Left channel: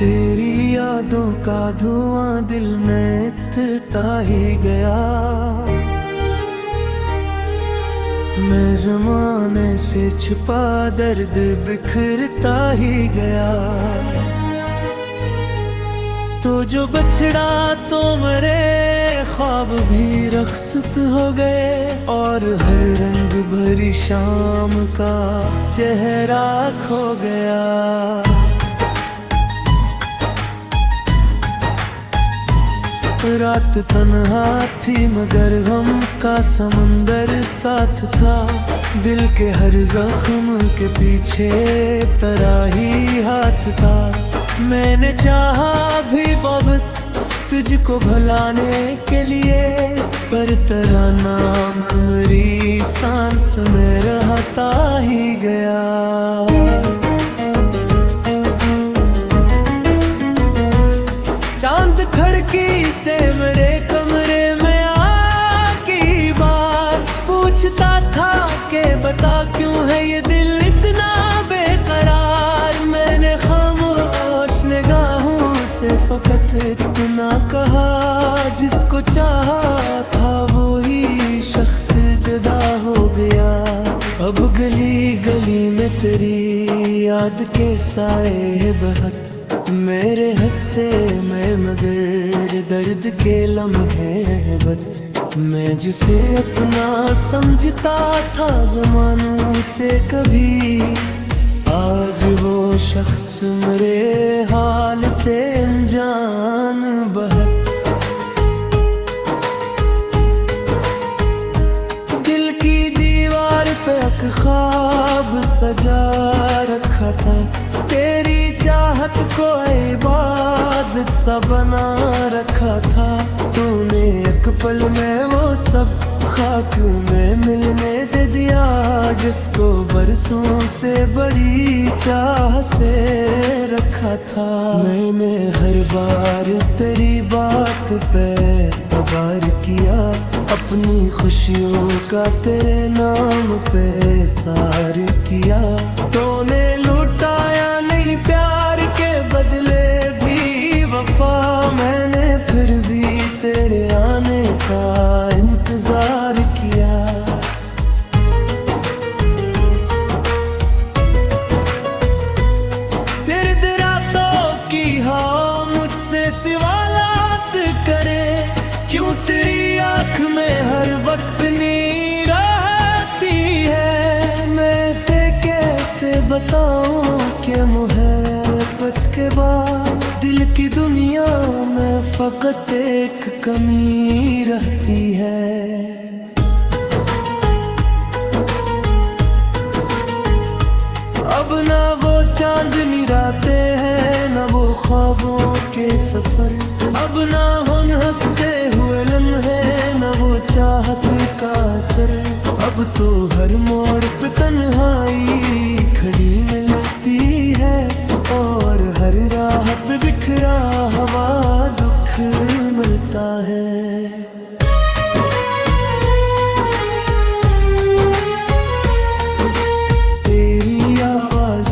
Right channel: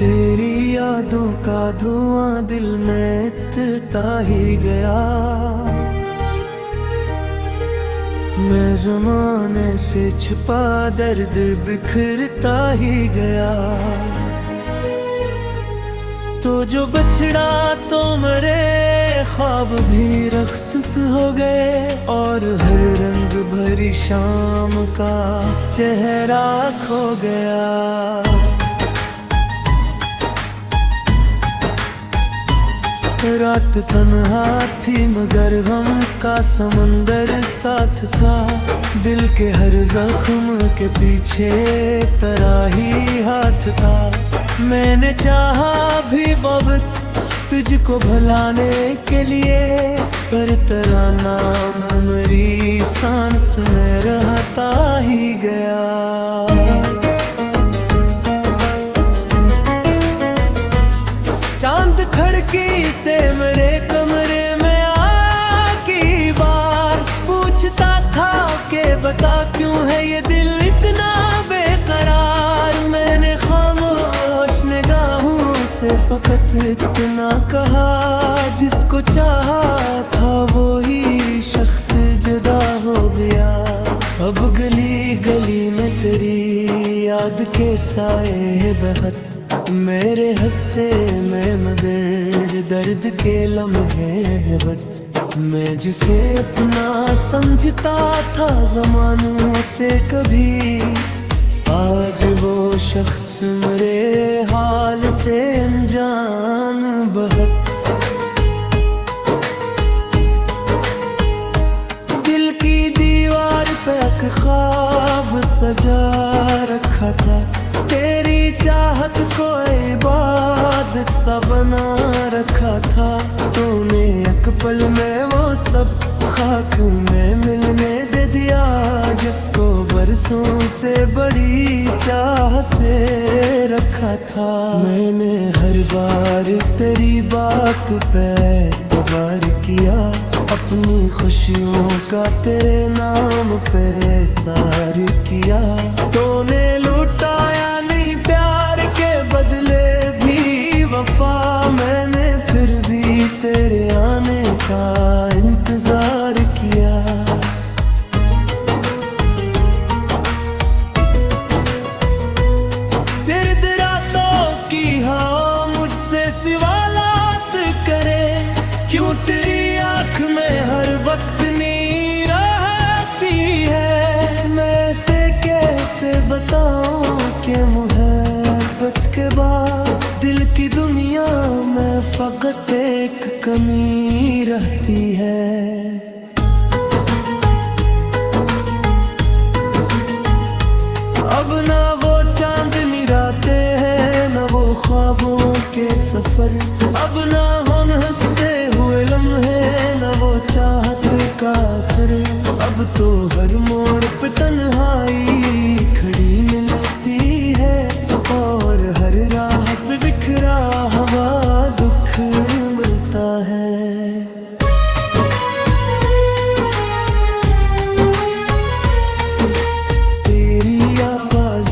तेरी यादों का धुआं दिल में इतरता ही गया। मैं ज़माने से छिपा दर्द बिखरता ही गया। तो जो बछड़ा तो मरे, ख्वाब भी रख्सत हो गए, और हर रंग भरी शाम का चेहरा खो गया। रात तन्हा थी मगर गम का समंदर साथ था। दिल के हर जख्म के पीछे तराही हाथ था। मैंने चाहा भी बहुत तुझको भुलाने के लिए, पर तेरा नाम मेरी सांस में रहता ही गया। चांद खिड़की से मेरे कमरे में आकी बार पूछता था कि बता क्यों है ये दिल इतना बेकरार। मैंने खामोश निगाहों से फकत इतना कहा, जिसको चाहा था वो ही शख्स जुदा हो गया। अब गली गली में तेरी याद के साए बहत मेरे हस्से में, मगर दर्द के लम्हे बत। मैं जिसे अपना समझता था ज़मानों से कभी, आज वो शख्स मेरे हाल से अनजान बहत। दिल की दीवार पे एक ख्वाब सजा रखा था। तेरी चाहत को इबादत सा बना रखा था। तूने एक पल में वो सब खाक में मिलने दे दिया, जिसको बरसों से बड़ी चाह से रखा था। मैंने हर बार तेरी बात पे तबार किया, अपनी खुशियों का तेरे नाम पे सार किया। तूने लुटाया नहीं प्यार के बदले भी वफा, मैंने फिर भी तेरे आने का इंतजार किया। सिर्द रातों की हाँ मुझसे सवालात करे, क्यों तेरी आँख में हर वक्त नीर रहती है। मैं से कैसे बताऊं कि मोहब्बत के बाद दिल की दुनिया में फकत एक कमी रहती है। अब ना वो चांदनी रातें हैं, ना वो ख्वाबों के सफर। अब ना हम हंसते हुए लम्हे, ना वो चाहत का असर। अब तो हर मोड़ पे तन्हाई खड़ी मिलती है, और हर राह पे बिखरा हुआ दुख मिलता है। तेरी आवाज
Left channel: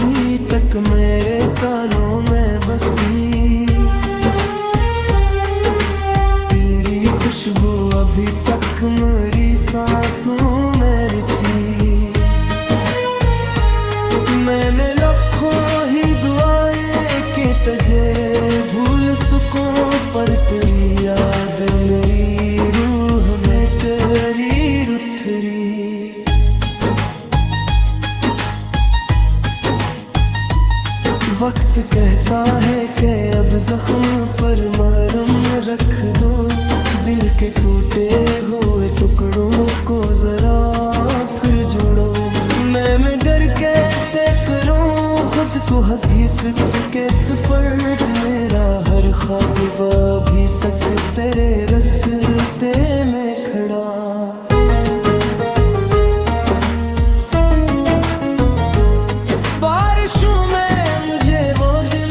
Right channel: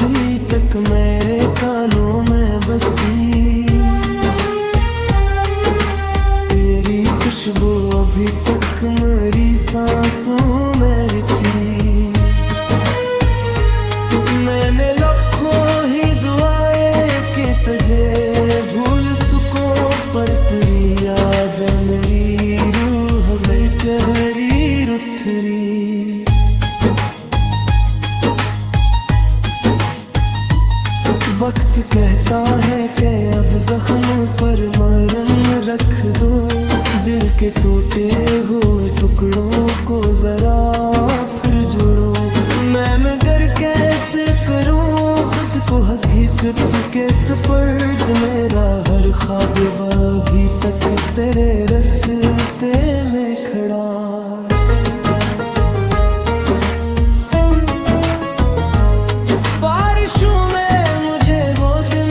भी तक मेरे कानों में बसी, तेरी खुशबू अभी तक मेरी सांसों में रची। मैंने लाखों ही दुआएं कि तुझे भूल सकूं, पर तेरी याद मेरी रूह में तेरी रुथरी। वक्त कहता है कि अब जख्म पर मरहम रख दो, दिल के टूटे हुए टुकड़ों को जरा फिर जोड़ो। मैं मगर कैसे करूं खुद को हकीकत के सुपर्द, मेरा हर ख्वाब अभी तक तेरे रास्ते में खड़ा। बारिशों में मुझे वो दिन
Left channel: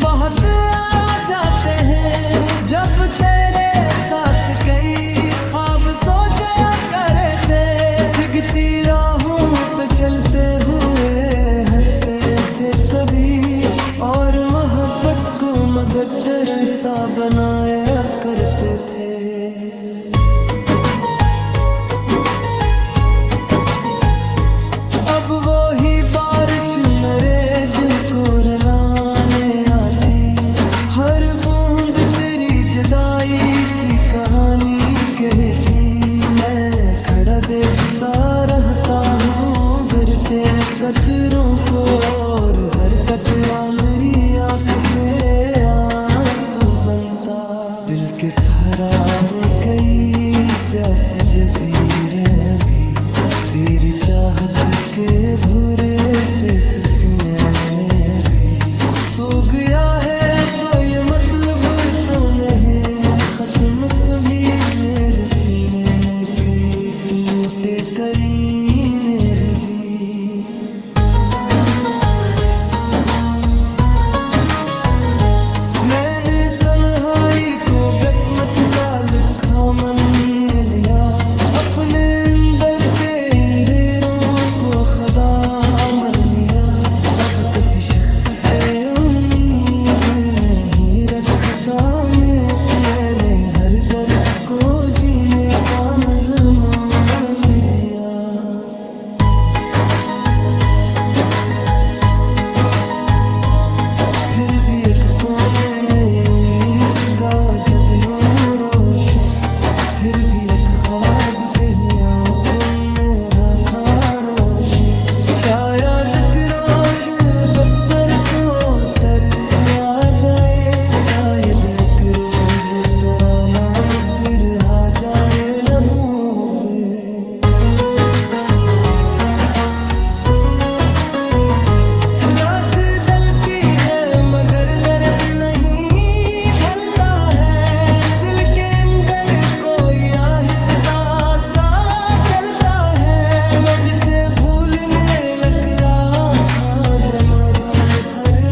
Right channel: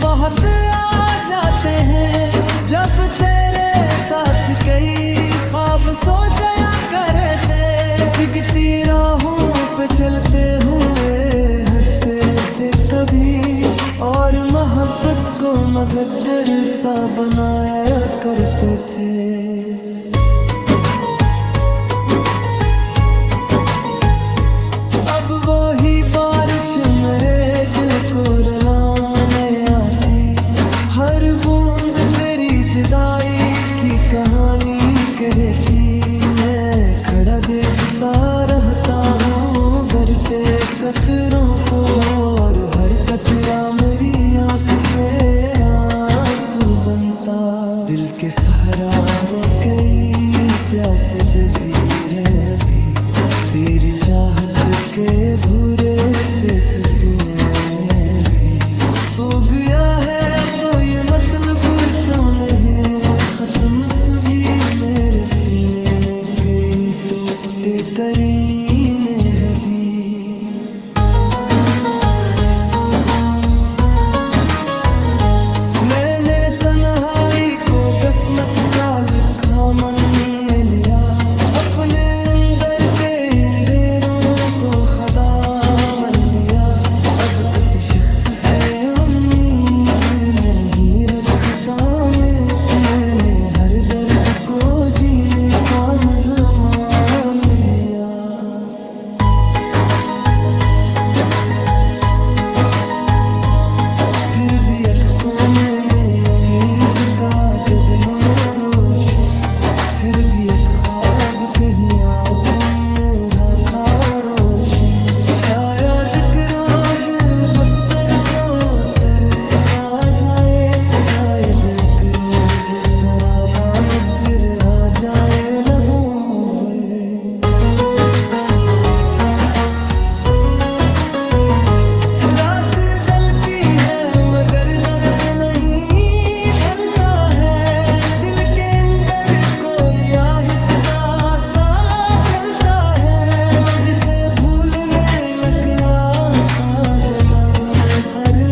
बहुत आ जाते हैं, जब तेरे साथ कई ख्वाब सो जाया करे थे। दिखती राहों पे चलते हुए हंसते थे कभी, और मोहब्बत को मगद्दर सा बनाया करते थे। अब वो ही बारिश मेरे दिल को रुलाने आती, हर बूंद तेरी जुदाई की कहानी कहती। मैं खड़ा देखता रहता हूँ गरते कतरों को, और हर कतरा मेरी आँख से आंसू बनता। दिल के सहरा में कई प्यासे जजीरे अभी, तेरी चाहत के अधूरे से सफीने में भी। तो गया है तो ये मतलब तो नहीं खत्म सभी मेरे सीने में कई टूटे करीने हबी। मैंने तन्हाई को बसमत का लिखा मन ने लिया, अपने अंदर के अंधेरों को खुदा मान लिया। अब किसी शख्स से उम्मीद नहीं रखता मैंने हर दर्द को जीने का मज़मान लिया। फिर भी एक कोने में उम्मीद का जगनू रोशन, फिर भी एक ख्वाब कहीं आंखों में रखा रोशन। शायद एक रोज पत्थर को तरस आ जाए, शायद एक रोज तेरा नाम फिर आ जाए लबों पे। रात ढलती है मगर दर्द नहीं ढलता है, दिल के अंदर कोई आहिस्ता सा जलता है। मैं जिसे भूलने निकला था ज़मादूर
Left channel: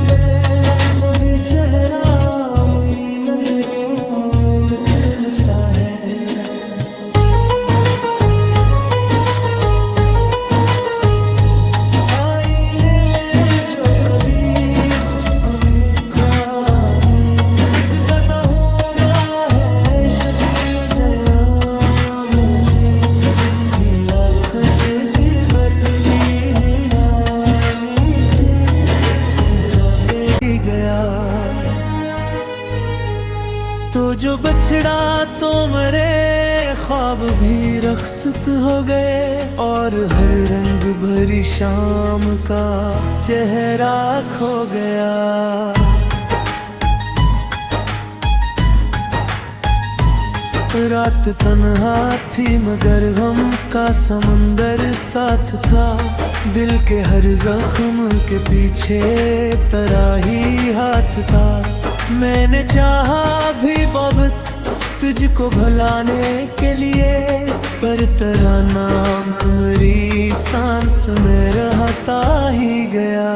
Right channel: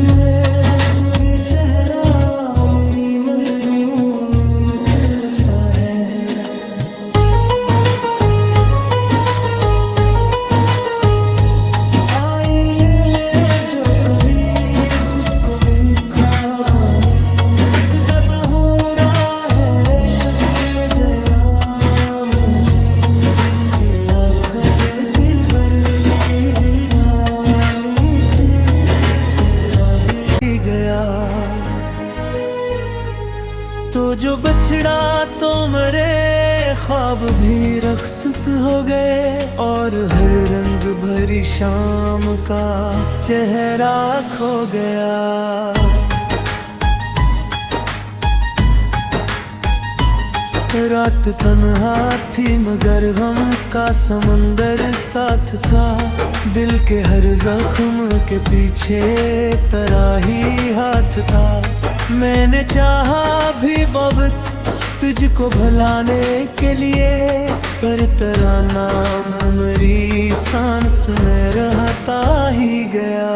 में, वो भी चेहरा मेरी नजरों में चलता है। आईने में जो कभी खुद को देखा में, एक दादा हो रहा है शख्स में जया मुझे, जिसकी आँख देखे बरसती हैरानी थी, इसके जाने गया। तो जो बछड़ा तो मरे, ख्वाब भी रख्सत हो गए, और हर रंग भरी शाम का चेहरा खो गया। रात तन्हा थी मगर गम का समंदर साथ था, दिल के हर जख्म के पीछे तराही हाथ था। मैंने चाहा भी बहुत तुझको भुलाने के लिए, पर तेरा नाम मेरी सांस में रहता ही गया।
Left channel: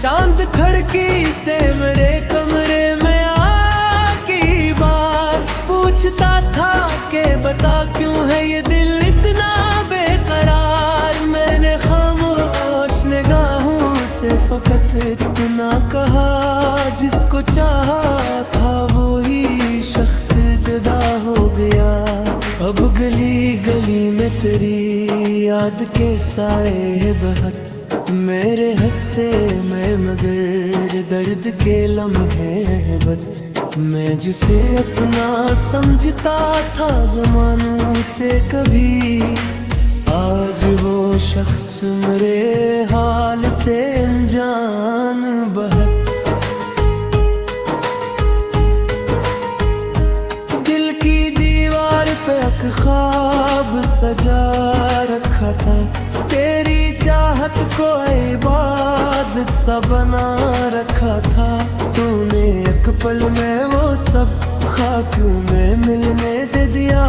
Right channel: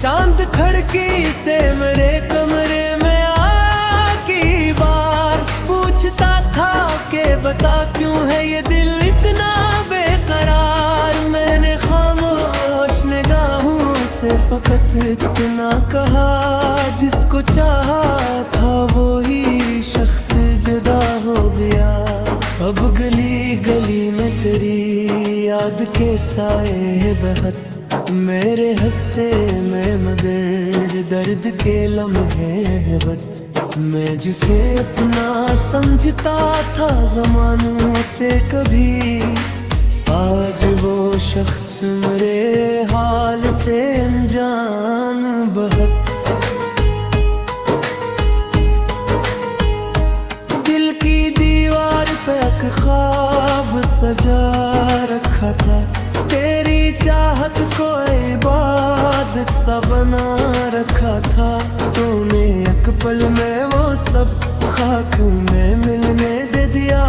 चांद खिड़की से मेरे कमरे में आकी बार पूछता था कि बता क्यों है ये दिल इतना बेकरार। मैंने खामोश निगाहों से फकत इतना कहा, जिसको चाहा था वो ही शख्स जुदा हो गया। अब गली गली में तेरी याद के साए बहत, मेरे हस्से में मगर दर्द के लम्हे है बत। मैं जिसे अपना समझता था ज़मानों से कभी, आज वो शख्स मेरे हाल से अनजान बहत। दिल की दीवार पे एक ख्वाब सजा रखा था, तेरी चाहत को इबादत सा बना रखा था। तूने एक पल में वो सब खाक में मिलने दे दिया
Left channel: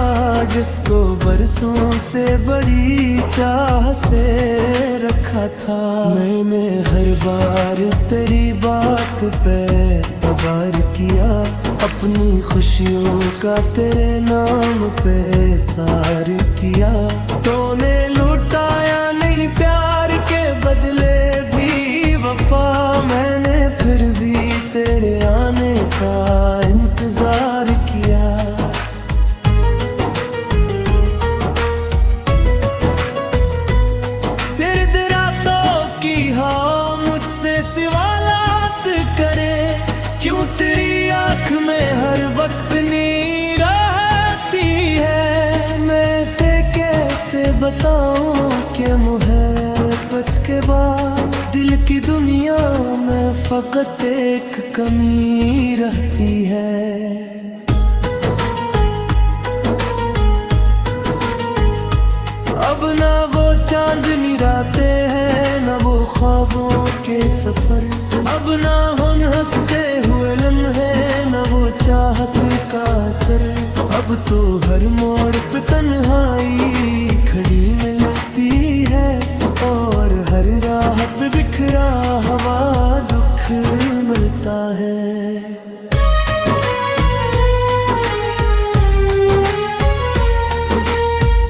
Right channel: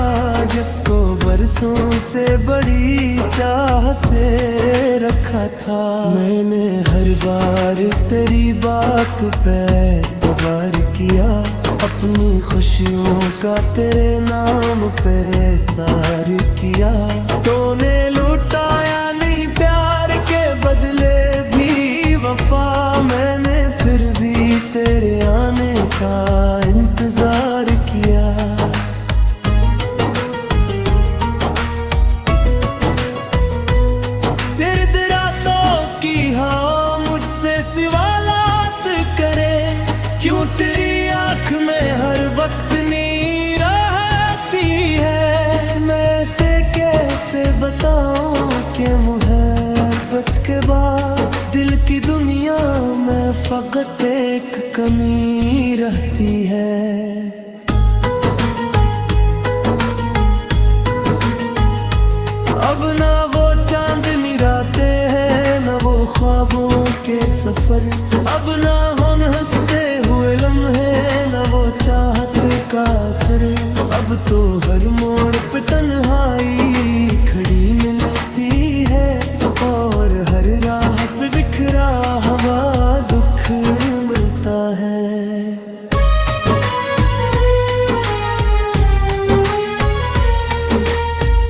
जिसको बरसों से बड़ी चाह से रखा था। मैंने हर बार तेरी बात पे तबार किया, अपनी खुशियों का तेरे नाम पे सार किया। तूने लुटाया नहीं प्यार के बदले भी वफा, मैंने फिर भी तेरे आने का इंतजार किया। सिर्द रातों की हाँ मुझसे सवालात करे, क्यों तेरी आँख में हर वक्त नीर आती है। मैं से कैसे बताऊं कि मोहब्बत के बाद दिल की दुनिया में फकत एक कमी रहती है। अब ना वो चांदनी रातें हैं, ना वो ख्वाबों के सफर, अब ना हम हंसते हुए लम्हे, ना वो चाहत का असर। अब तो हर मोड़ पे तन्हाई खड़ी मिलती है, और हर राह पे बिखरा हुआ दुख मिलता है।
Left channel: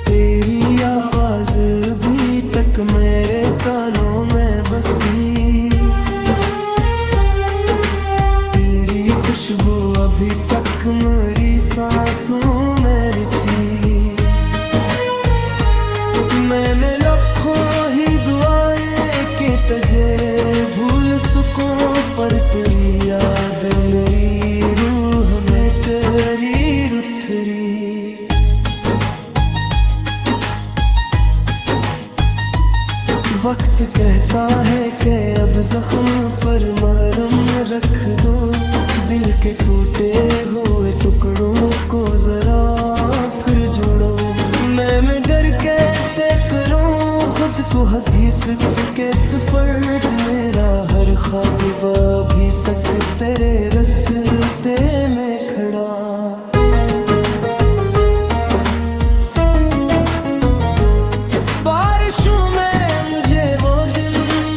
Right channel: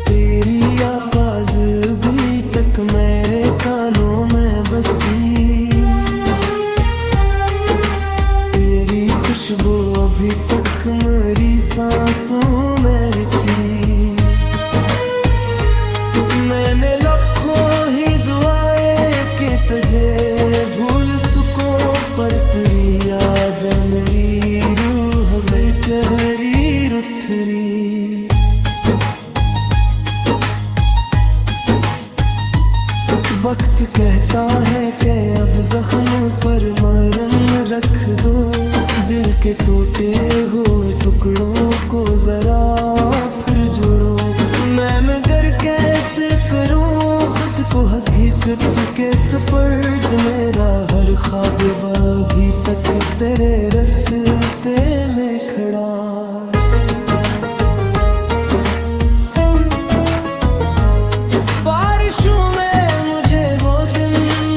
तेरी आवाज भी तक मेरे कानों में बसी, तेरी खुशबू अभी तक मेरी सांसों में रची। मैंने लाखों ही दुआएं कि तुझे भूल सकूं, पर तेरी याद मेरी रूह में करी रुथरी। वक्त कहता है कि अब जख्म पर मरहम रख दो, दिल के टूटे हुए टुकड़ों को जरा फिर जोड़ो। मैं मगर कैसे करूं खुद को हकीकत के सुपर्द, मेरा हर ख्वाब अभी तक तेरे रास्ते में खड़ा। बारिशों में मुझे वो दिन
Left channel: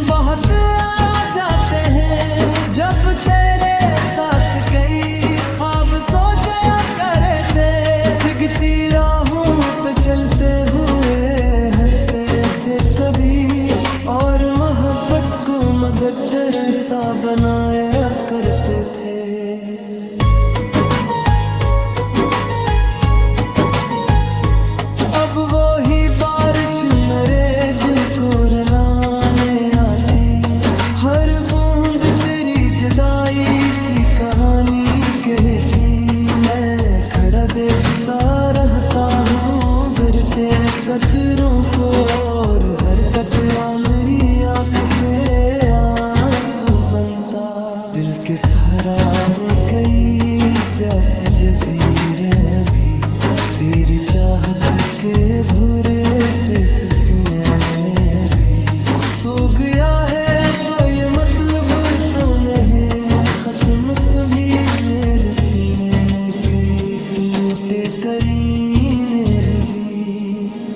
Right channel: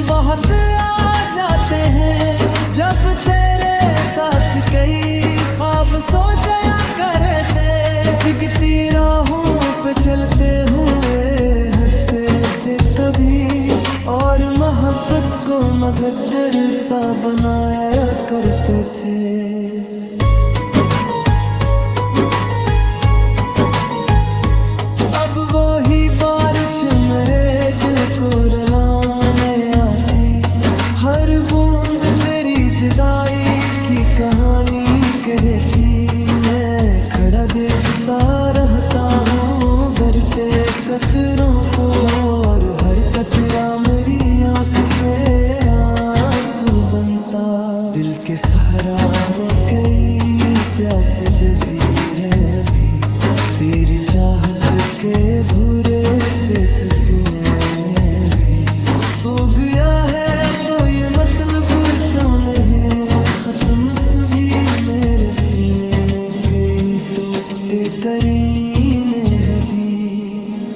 बहुत आ जाते हैं, जब तेरे साथ कई ख्वाब सो जाया करते। दिखती राहों पे चलते हुए हंसते थे कभी, और मोहब्बत को मगदर सा बनाया करते थे। अब वो ही बारिश मेरे दिल को रुलाने आती, हर बूंद तेरी जुदाई की कहानी कहती। मैं खड़ा देखता रहता हूँ गिरते कतरों को, और हर कतरा मेरी आँख से आंसू बनता। दिल के सहरा में कई प्यासे जजीरे अभी, तेरी चाहत के अधूरे से सफीने भी। तो गया है तो ये मतलब तो नहीं खत्म सभी, मेरे सीने में कई टूटे करीने अभी।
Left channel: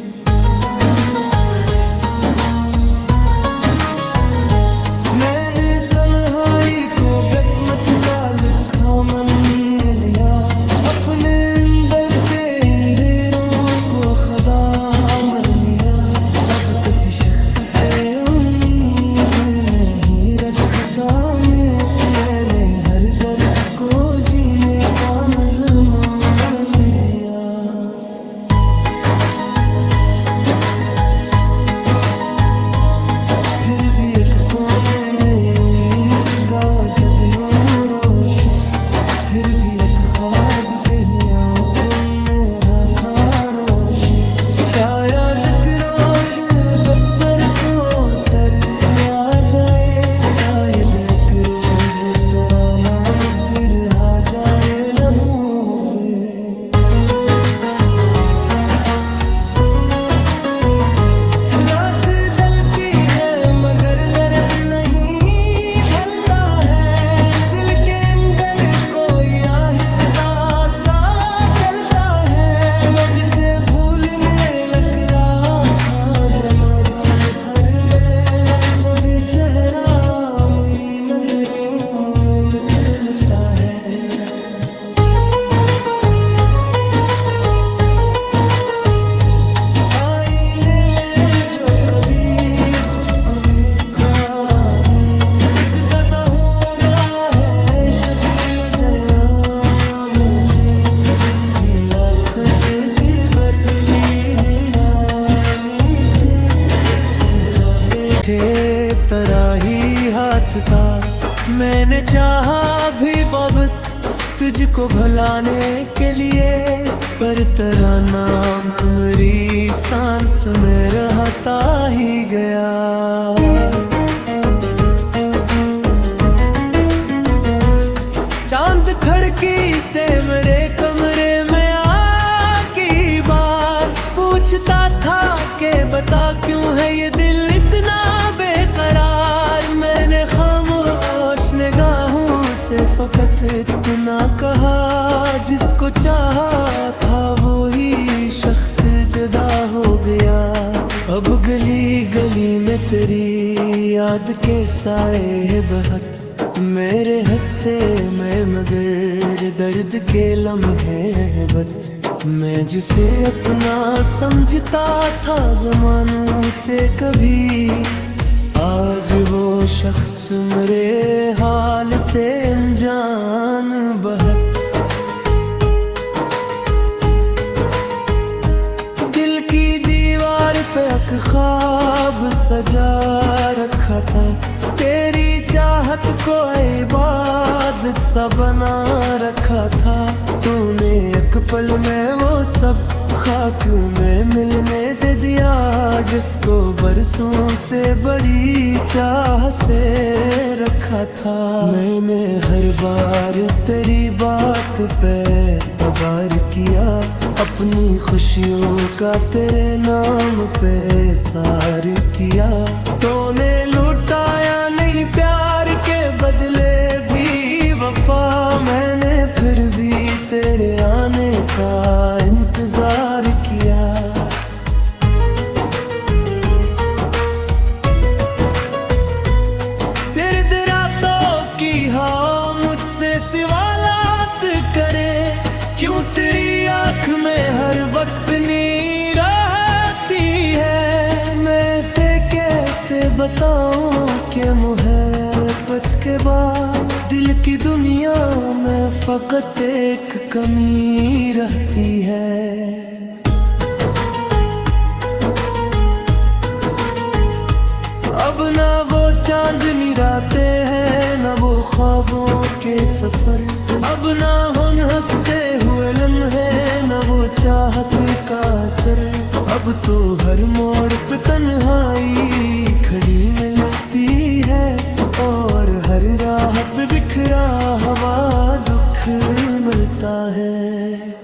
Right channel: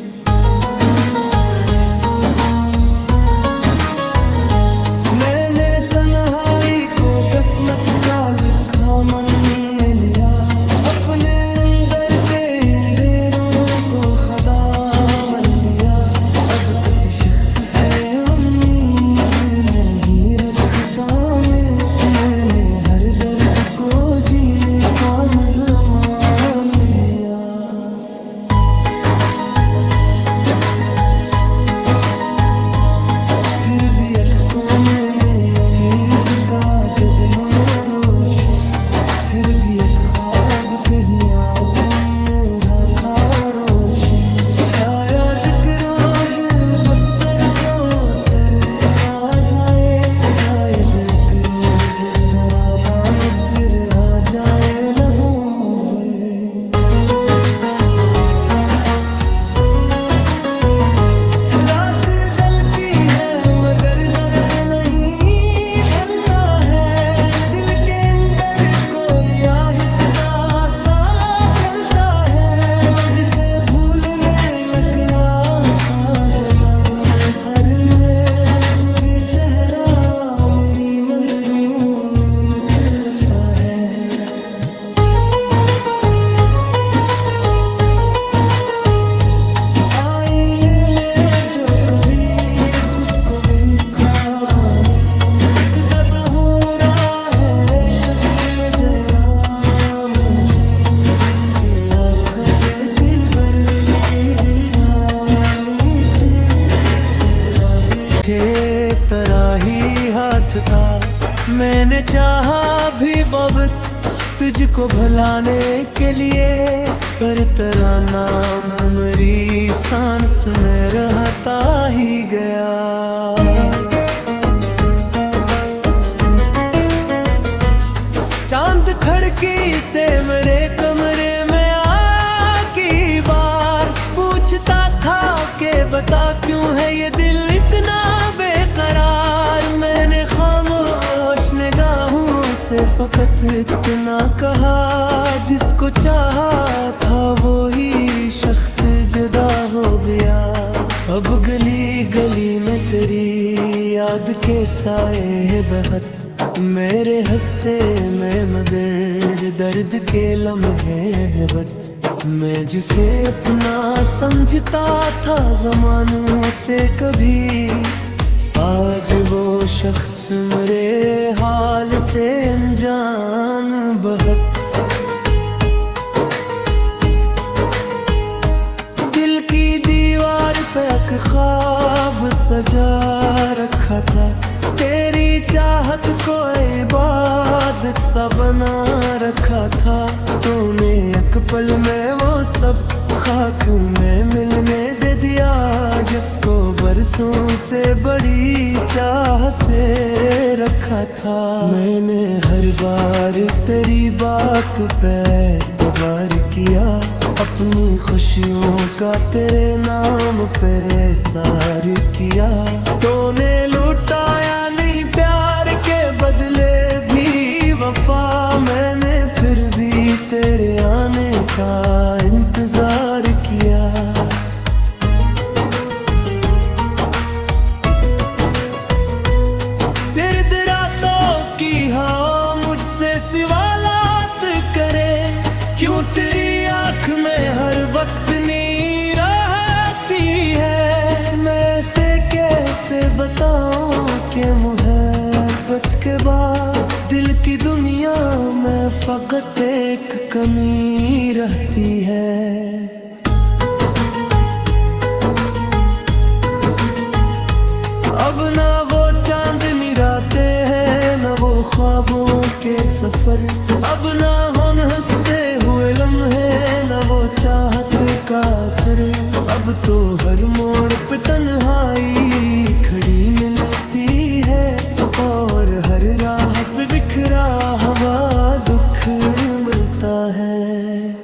मैंने तन्हाई को बसमत का लिखा मन ने लिया, अपने अंदर के अंधेरों को खुदा मान लिया। अब किसी शख्स से उम्मीद नहीं रखता मैंने हर दर्द को जीने का मज़मान लिया। फिर भी एक कोने में उम्मीद का जगनो रोशन, फिर भी एक ख्वाब कहीं आंखों में रखा रोशन। शायद एक रोज बतमर को तरस आ जाए, शायद एक रोज तेरा नाम फिर आ जाए लबों पे। रात ढलती है मगर दर्द नहीं ढलता है, दिल के अंदर कोई आहिस्ता से भूलने नकला था जमादू हर में, वो भी चेहरा मेरी नजरों में चलता है। आईने में जो कभी खुद को भी खाना में एक दादा हो रहा है शख्स में जया मुझे, जिसकी आँख देती बरसती हैरानी थी, इसके चले थे तरह ही हाथ था। मैंने चाहा भी बहुत तुझको भुलाने के लिए, पर तेरा नाम मेरी सांस में रहता ही गया। चांद खिड़की से मेरे कमरे में आकी बार पूछता था कि बता क्यों है ये दिल इतना बेकरार। मैंने खामोश निगाहों से फकत इतना कहा, जिसको चाहा था वो ही शख्स जुदा हो गया। अब गली गली में तेरी याद के साए है बहत, मेरे हस्से में मगर दर्द के लम्हे है बत। मैं जिसे अपना समझता था ज़मानों से कभी, आज वो शख्स मेरे हाल से अनजान बहत। दिल की दीवार पे एक ख्वाब सजा रखा था, तेरी चाहत को इबादत सा बना रखा था। तूने एक पल में वो सब खाक में मिलने दे दिया, जिसको बरसों से बड़ी चाह से रखा था। मैंने हर बार तेरी बात पे तबार किया, अपनी खुशियों का तेरे नाम पे सार किया। तूने लुटाया नहीं प्यार के बदले भी वफा, मैंने फिर भी तेरे आने का इंतजार किया। सिर्द रातों की हाँ मुझसे सवालात करे, क्यों तेरी आँख में हर वक्त नीर आती है। मैं से कैसे बताऊं कि मोहब्बत के बाद दिल की दुनिया में फकत एक कमी रहती है। अब ना वो चांदनी रातें हैं, ना वो ख्वाबों के सफर। अब ना हम हंसते हुए लम्हे, ना वो चाहत का असर। अब तो हर मोड़ पे तन्हाई खड़ी मिलती है, और हर राह पे बिखरा हुआ दुख मिलता है।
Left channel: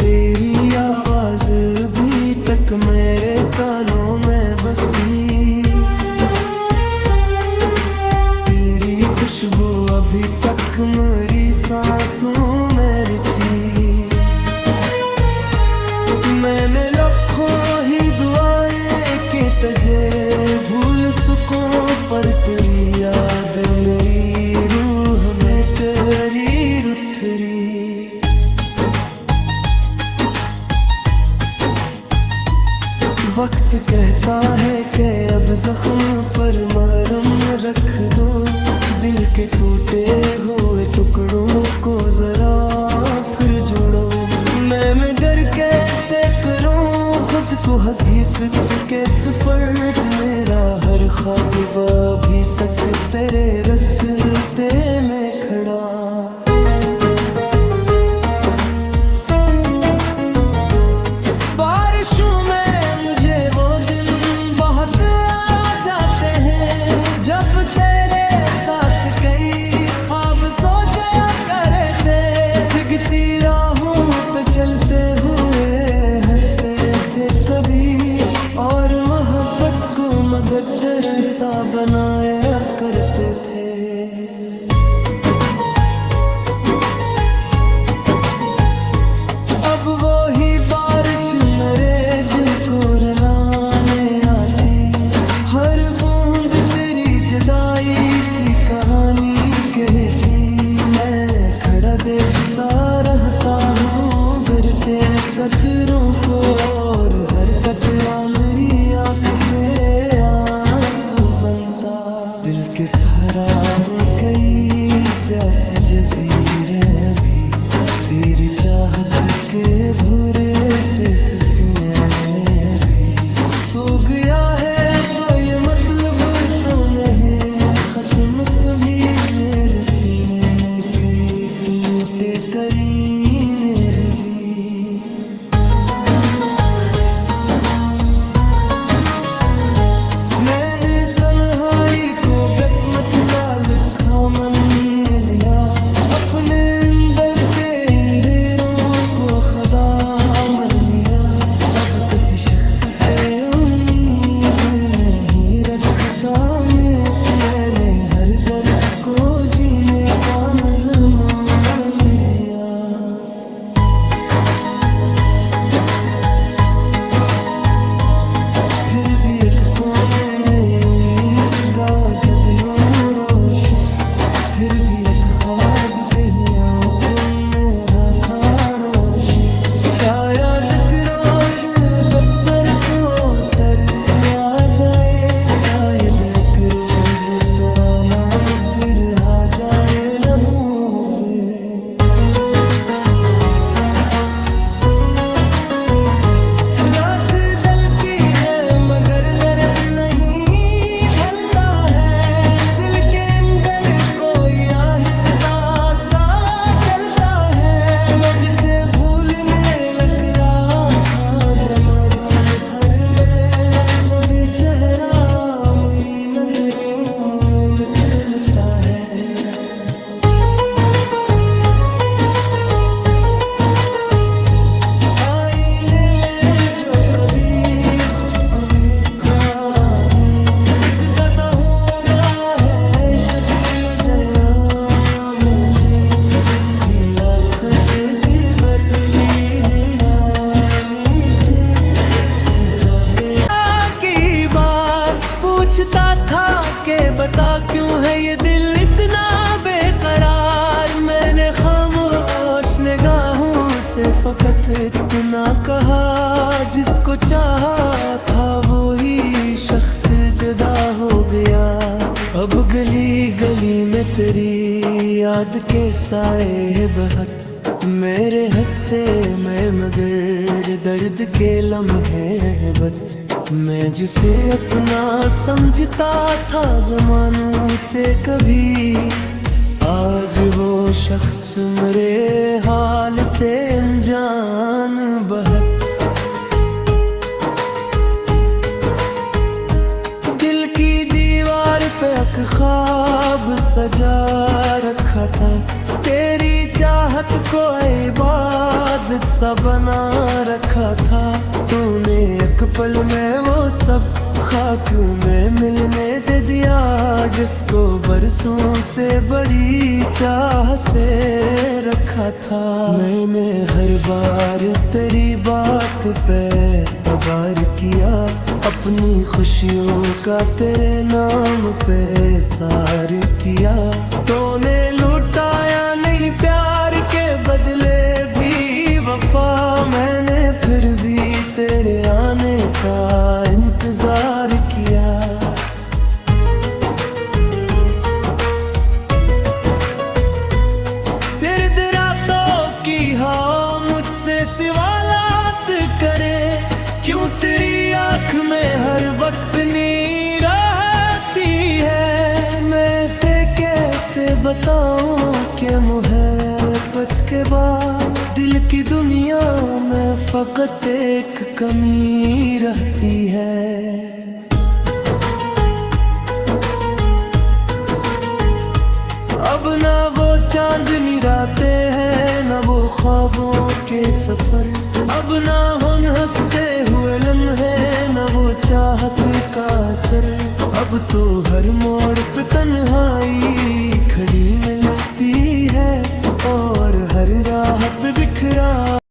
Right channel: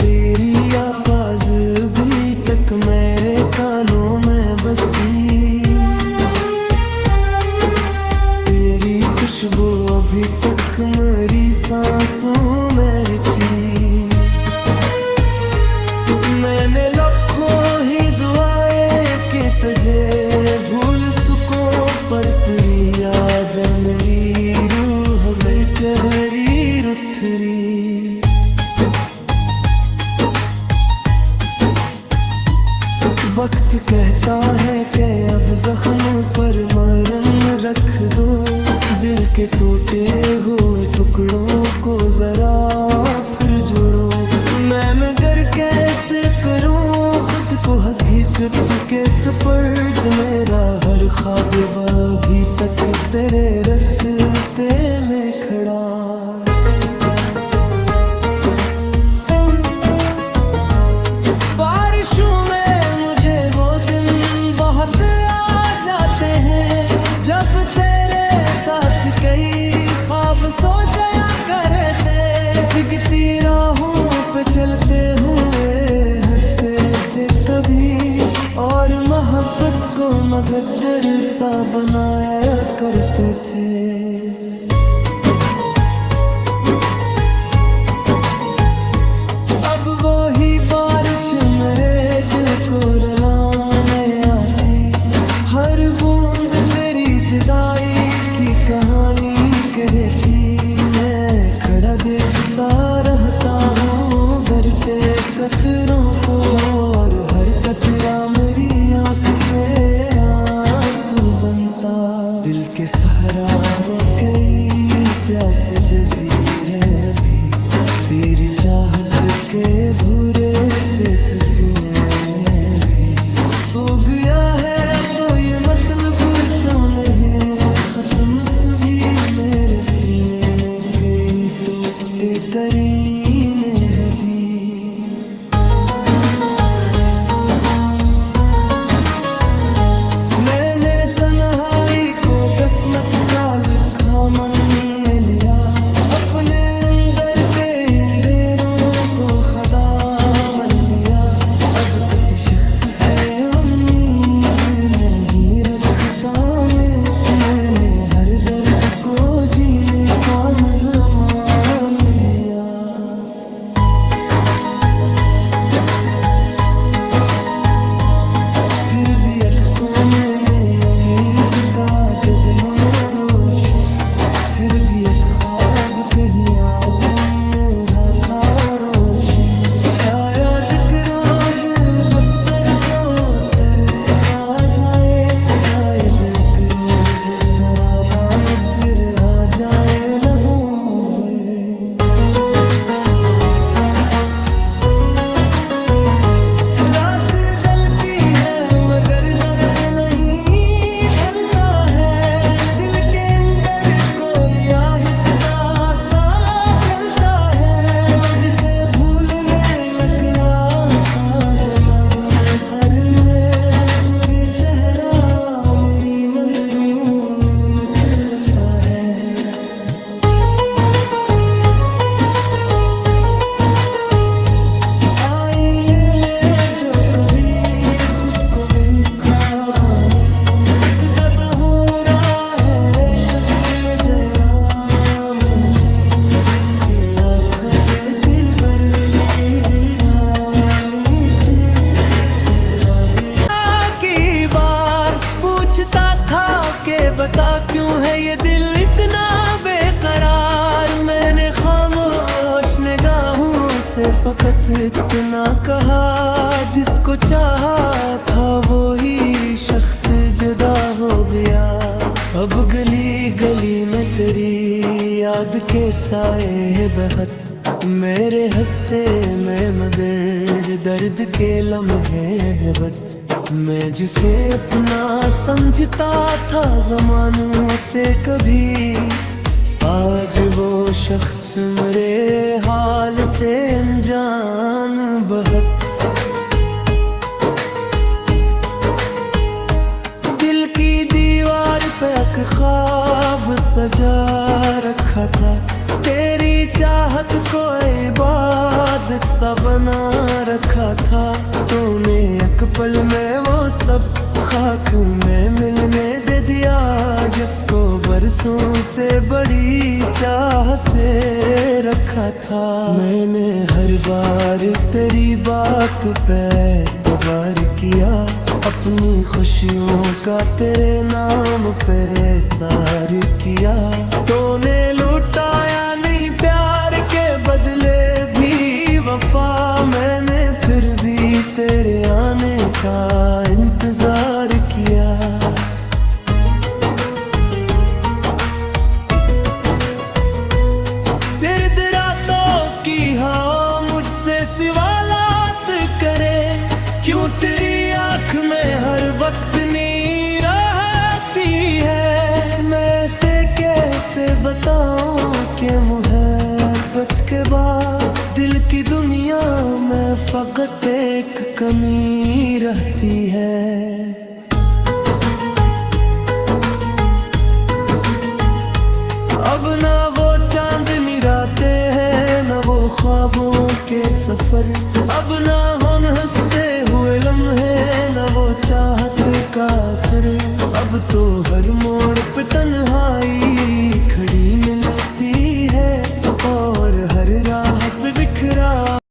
तेरी आवाज भी तक मेरे कानों में बसी, तेरी खुशबू अभी तक मेरी सांसों में रची। मैंने लाखों ही दुआएं कि तुझे भूल सकूं, पर तेरी याद मेरी रूह में करी रुथरी। वक्त कहता है कि अब जख्म पर मरहम रख दो, दिल के टूटे हुए टुकड़ों को जरा फिर जोड़ो। मैं मगर कैसे करूं खुद को हकीकत के सुपर्द, मेरा हर ख्वाब अभी तक तेरे रास्ते में खड़ा। बारिशों में मुझे वो दिन बहुत आ जाते हैं, जब तेरे साथ कई ख्वाब सो जाया करते। दिखती राहों पे चलते हुए हंसते थे कभी, और मोहब्बत को मगदर सा बनाया करते थे। अब वो ही बारिश मेरे दिल को रुलाने आती, हर बूंद तेरी जुदाई की कहानी कहती। मैं खड़ा देखता रहता हूँ गरते कतरों को, और हर कतरा मेरी आँख से आंसू बनता। दिल के सहरा में कई प्यासे जजीरे भी, तेरी चाहत के अधूरे से सफीने भी। तो गया है तो ये मतलब तो नहीं खत्म सभी मेरे सीने में कई टूटे करीने भी। मैंने तन्हाई को बसमत का लिखा मन ने लिया, अपने अंदर के अंधेरों को खुदा मान लिया। अब किसी शख्स से उम्मीद नहीं रखता मैंने हर दर्द को जीने का मज़ा मान लिया। फिर भी एक कोने में उम्मीद का जगनो रोशन, फिर भी एक ख्वाब कहीं आंखों में रखा रोशन। शायद एक रोज पत्थर को तरस आ जाए, शायद एक रोज तेरा नाम फिर आ जाए लबों पे। रात ढलती है मगर दर्द नहीं ढलता है, दिल के अंदर कोई आहिस्ता सा जलता है। मैं जिसे भूलने नकला था ज़मादू थर में, वो भी चेहरा मेरी नजरों में चलता है। आईने में जो कभी खुद को देखा में, एक दादा हो रहा है शख्स में जया मुझे, जिसकी आँख देती बरसती हैरानी थी। इसके जागे की बार पूछता था कि बता क्यों है ये दिल इतना बेकरार। मैंने खामोश निगाहों से फकत इतना कहा, जिसको चाहा था वो ही शख्स जुदा हो गया। अब गली गली में तेरी याद के साए बहत, मेरे हस्से में मगर दर्द के लम्हे है बत। मैं जिसे अपना समझता था ज़मानों से कभी, आज वो शख्स मेरे हाल से अनजान बहत। दिल की दीवार पे एक ख्वाब सजा रखा था, तेरी चाहत को इबादत सा बना रखा था। तूने एक पल में वो सब खाक में मिलने दे दिया, जिसको बरसों से बड़ी चाह से रखा था। मैंने हर बार तेरी बात पे तबार किया, अपनी खुशियों का तेरे नाम पे सार किया। तूने लुटाया नहीं प्यार के बदले भी वफा, मैंने फिर भी तेरे आने का इंतजार किया। सिर्द रातों की हाँ मुझसे सवालात करे, क्यों तेरी आँख में हर वक्त नीर आती है। मैं से कैसे बताऊं कि मोहब्बत के बाद दिल की दुनिया में फकत एक कमी रहती है। अब ना वो चांदनी रातें हैं, ना वो ख्वाबों के सफर। अब ना हम हंसते हुए लम्हे, ना वो चाहत का असर। अब तो हर मोड़ पे तन्हाई खड़ी मिलती है, और हर राह पे बिखरा